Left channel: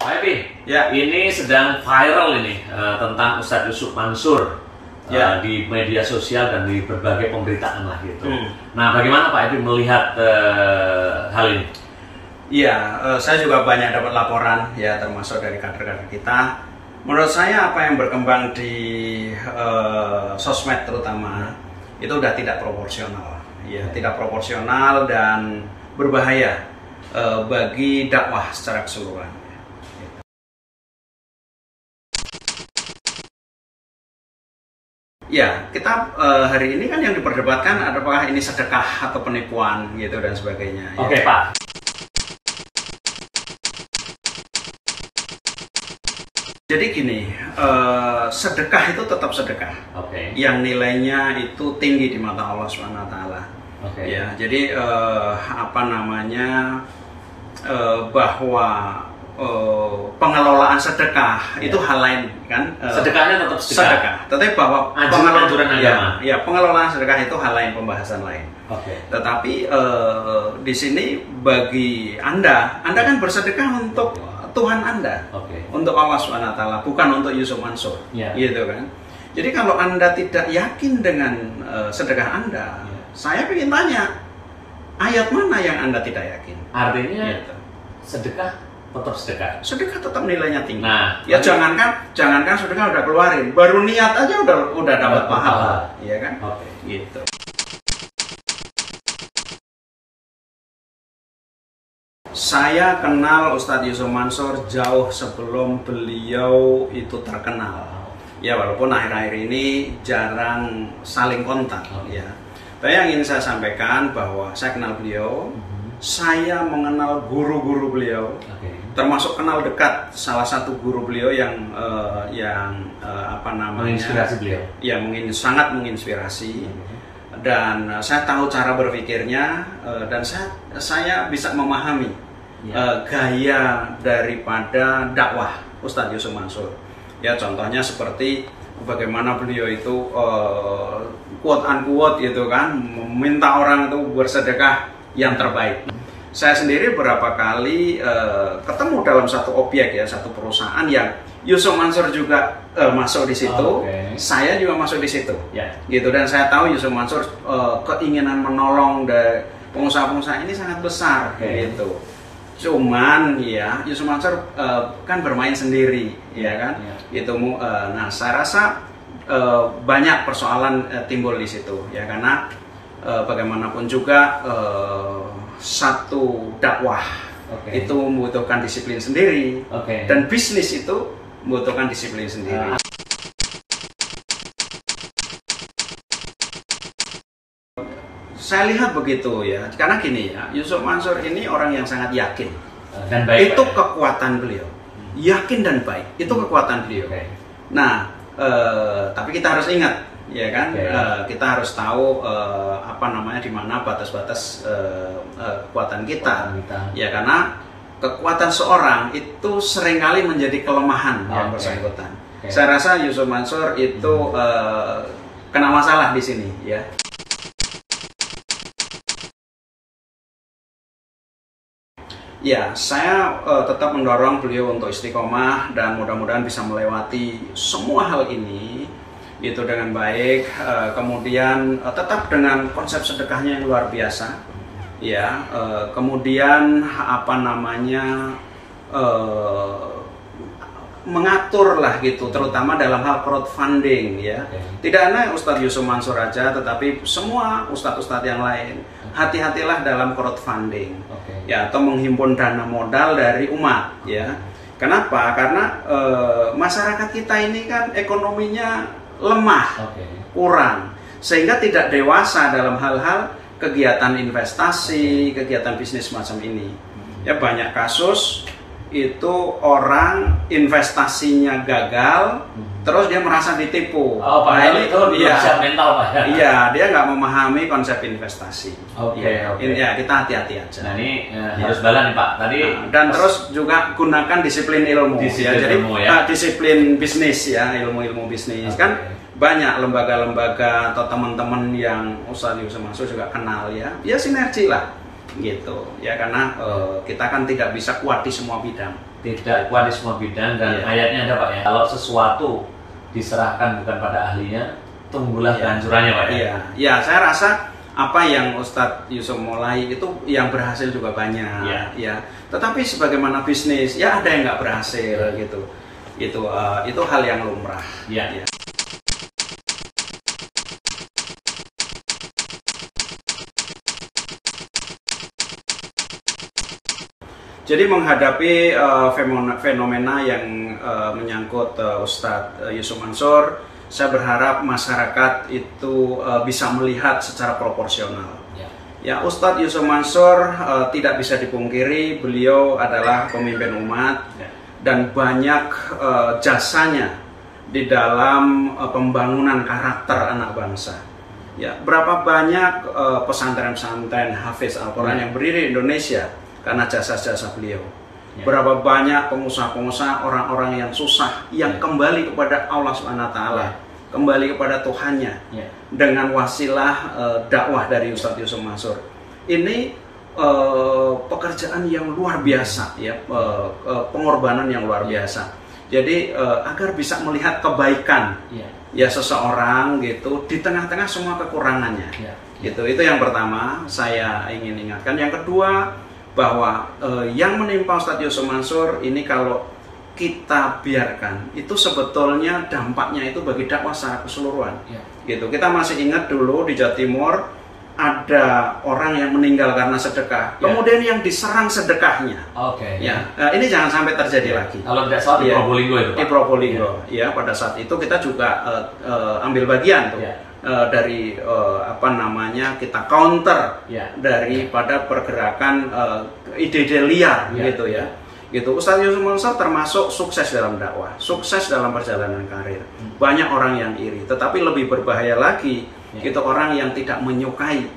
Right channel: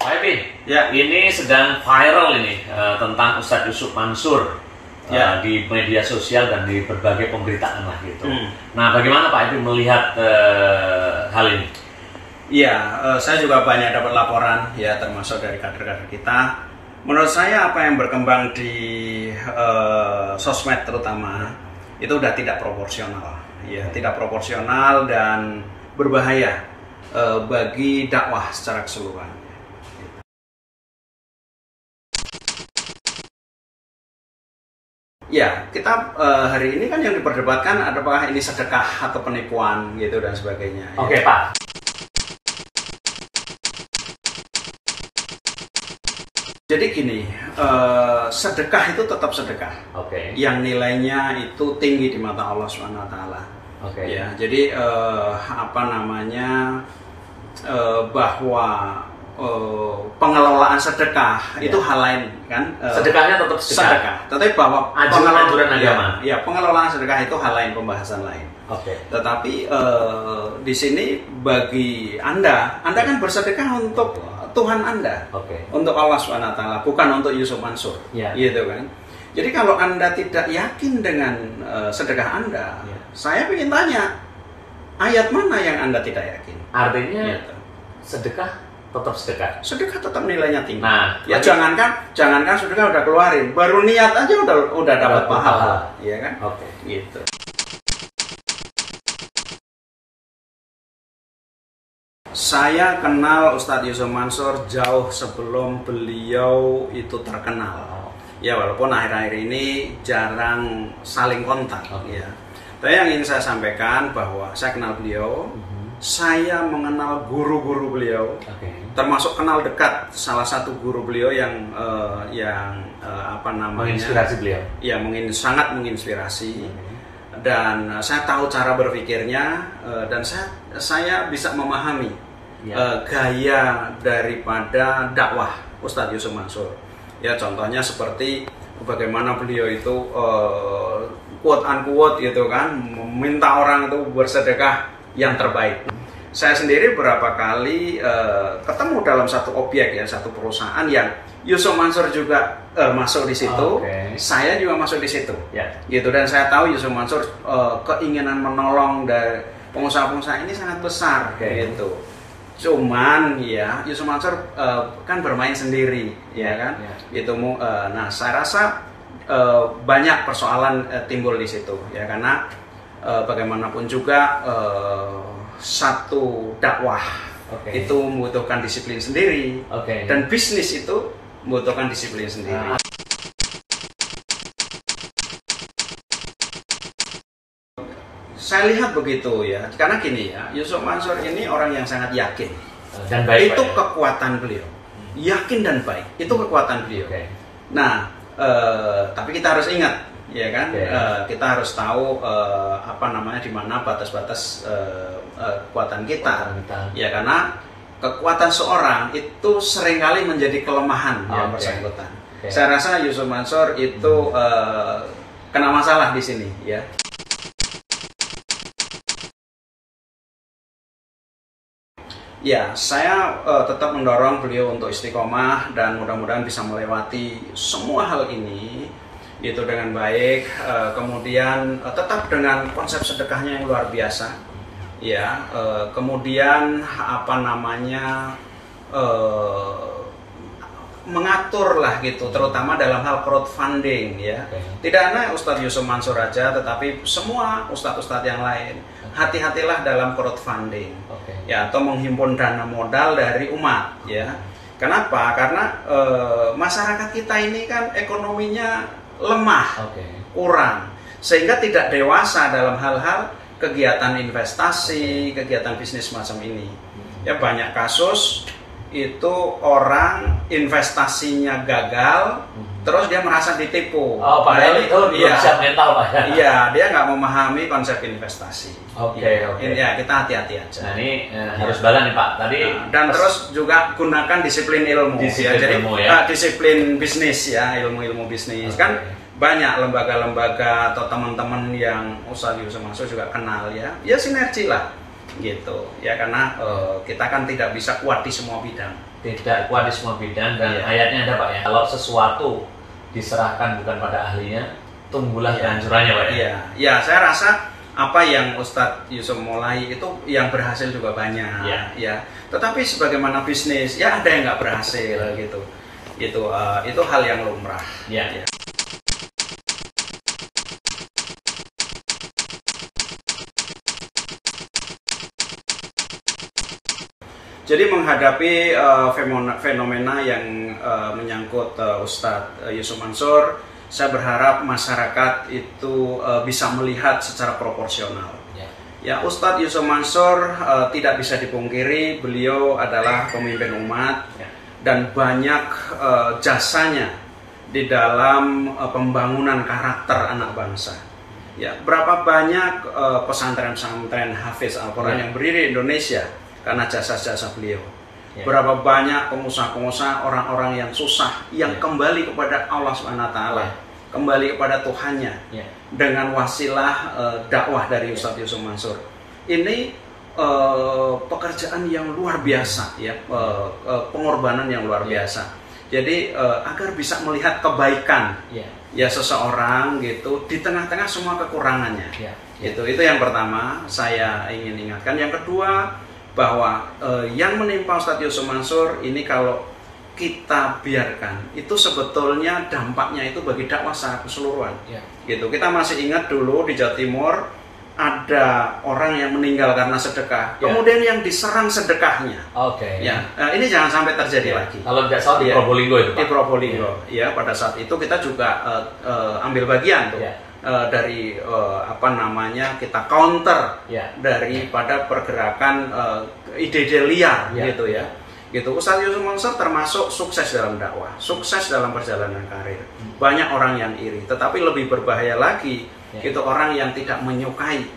Pak Epi, Ya. ini sedang viral ini tentang Ustadz Yusuf Mansur di media sosial dan di berbagai pemberitaan lah gitu. Nah, bagaimana Pak Epi melihat hal ini? Iya, saya juga banyak dapat laporan ya, termasuk dari kader-kader kita. Menurut saya apa yang berkembang di sosmed terutama itu udah tidak proporsional, ya, tidak proporsional dan berbahaya bagi dakwah secara keseluruhan. Ya, kita hari ini kan yang diperdebatkan apakah ini sedekah atau penipuan gitu dan sebagainya. Oke, ya. Pak. Jadi gini, sedekah itu tetap sedekah. Oke. Yang nilainya itu tinggi di mata Allah SWT. Oke. Ya, jadi bahwa pengelolaan sedekah itu hal lain kan. Sedekahnya tetap sedekah. Tetapi bahwa anjuran agama. Ya, pengelolaan sedekah itu hal lain, pembahasan lain. Oke. Tetapi di sini bagi Anda kan bersedekah untuk Tuhan Anda, untuk Allah SWT, bukan untuk Yusuf Mansur, gitu kan. Jadi kalau Anda tidak yakin dengan sedekah Anda, saya ingin tanya, ayat mana yang Anda tidak yakin? Artinya gitu. sedekah tetap sedekah. Sedekah tetap nilainya tinggi. Nah, ya jangankan sedekah udah keluarin, baru niat aja udah dapat pahala, ya kan? Oke. Gitu. Saya kenal Ustadz Yusuf Mansur jauh sebelum beliau itu terkenal. Ya, walaupun akhir-akhir ini jarang saling kontak. Ya. Tapi yang ingin saya sampaikan bahwa saya kenal beliau, saya mengenal guru-guru beliau, termasuk kenal dekat salah satu guru beliau yang menginspirasi beliau. Ya, sangat menginspirasi. Dan saya tahu cara berpikirnya dan saya bisa memahami gaya daripada dakwah Ustadz Yusuf Mansur. Ya, contohnya seperti bagaimana beliau itu quote unquote gitu kan, meminta orang itu bersedekah yang terbaik. Saya sendiri berapa kali ketemu dalam satu objek ya, satu perusahaan yang Yusuf Mansur juga masuk di situ, saya juga masuk di situ, gitu. Dan saya tahu Yusuf Mansur keinginan menolong dari pengusaha-pengusaha ini sangat besar, gitu. Cuman ya Yusuf Mansur kan bermain sendiri, ya kan, gitu. Nah, saya rasa banyak persoalan timbul di situ, ya, karena bagaimanapun juga satu dakwah itu membutuhkan disiplin sendiri, dan bisnis itu membutuhkan disiplin sendiri. Saya lihat begitu ya, karena gini ya, Yusuf Mansur ini orang yang sangat yakin dan baik. Itu kekuatan beliau, yakin dan baik, itu kekuatan beliau. Nah, tapi kita harus ingat, ya kan, kita harus tahu di mana batas-batas kekuatan kita, ya, karena kekuatan seorang itu seringkali menjadi kelemahan yang bersangkutan. Saya rasa Yusuf Mansur itu kena masalah di sini, ya. Ya, saya tetap mendorong beliau untuk istiqomah dan mudah-mudahan bisa melewati semua hal ini itu dengan baik. Kemudian tetap dengan konsep sedekahnya yang luar biasa. Ya, kemudian mengatur lah gitu, terutama dalam hal crowdfunding, ya. Tidak hanya Ustadz Yusuf Mansur aja, tetapi semua ustadz-ustadz yang lain. Hati-hatilah dalam crowdfunding, ya, atau menghimpun dana modal dari umat, ya. Kenapa? Karena masyarakat kita ini kan ekonominya lemah, kurang, sehingga tidak dewasa dalam hal-hal kegiatan investasi, kegiatan bisnis macam ini. Ya, banyak kasus itu orang investasinya gagal, terus dia merasa ditipu. Padahal itu belum siap mental, Pak. Iya, dia nggak memahami konsep investasi. Ya, kita hati-hati aja. Nah, ini harus balance nih, Pak. Tadi dan terus juga gunakan disiplin ilmu. Jadi disiplin bisnis, ya, ilmu-ilmu bisnis. Kan banyak lembaga-lembaga atau teman-teman yang Ustadz Yusuf Mansur juga kenal, ya. Ya, sinergi lah. gitu ya, karena kita kan tidak bisa kuat di semua bidang. Tidak kuat di semua bidang, dan ayatnya ada Pak ya, kalau sesuatu diserahkan bukan pada ahlinya, tunggulah kehancurannya Pak ya. Iya, ya saya rasa apa yang Ustadz Yusuf mulai itu yang berhasil juga banyak ya. Tetapi sebagaimana bisnis ya ada yang nggak berhasil gitu. Itu hal yang lumrah. Ya. Jadi menghadapi fenomena yang menyangkut Ustadz Yusuf Mansur, saya berharap masyarakat itu bisa melihat secara proporsional. Ya, Ustadz Yusuf Mansur tidak bisa dipungkiri, beliau adalah pemimpin umat dan banyak jasanya di dalam pembangunan karakter anak bangsa. Ya, berapa banyak pesantren-pesantren hafiz Al-Quran yang berdiri di Indonesia karena jasa-jasa beliau. Berapa banyak pengusaha-pengusaha, orang-orang yang susah yang kembali kepada Allah Subhanahu wa taala, kembali kepada Tuhannya dengan wasilah dakwah dari Ustadz Yusuf Mansur. Ini pekerjaan yang luar biasa ya, pengorbanan yang luar biasa. Jadi agar bisa melihat kebaikan ya seseorang gitu di tengah-tengah semua kekurangannya. Itu yang pertama saya ingin ingatkan. Yang kedua, bahwa yang menimpa Ustadz Yusuf Mansur ini kalau kita biarkan itu sebetulnya dampaknya itu bagi dakwah secara keseluruhan. Gitu. Kita masih ingat dulu di Jawa Timur ada orang yang meninggal karena sedekah, kemudian yang diserang sedekahnya. Ini jangan sampai terjadi lagi. Kalau tidak salah di Probolinggo itu Pak. Di Probolinggo ya, pada saat itu kita juga ambil bagian tuh. Dari kita counter daripada pergerakan ide-ide liar gitu ya. Gitu. Ustadz Yusuf Mansur termasuk sukses dalam dakwah, sukses dalam perjalanan karir. Banyak orang yang iri, tetapi lebih berbahaya lagi itu orang yang tidak menyukai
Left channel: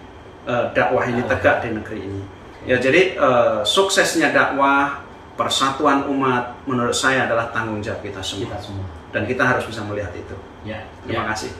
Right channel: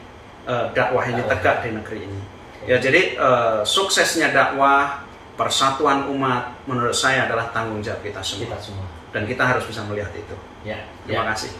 dakwah ini tegak di negeri ini. Ya, jadi suksesnya dakwah, persatuan umat menurut saya adalah tanggung jawab kita semua. Dan kita harus bisa melihat itu. Terima kasih.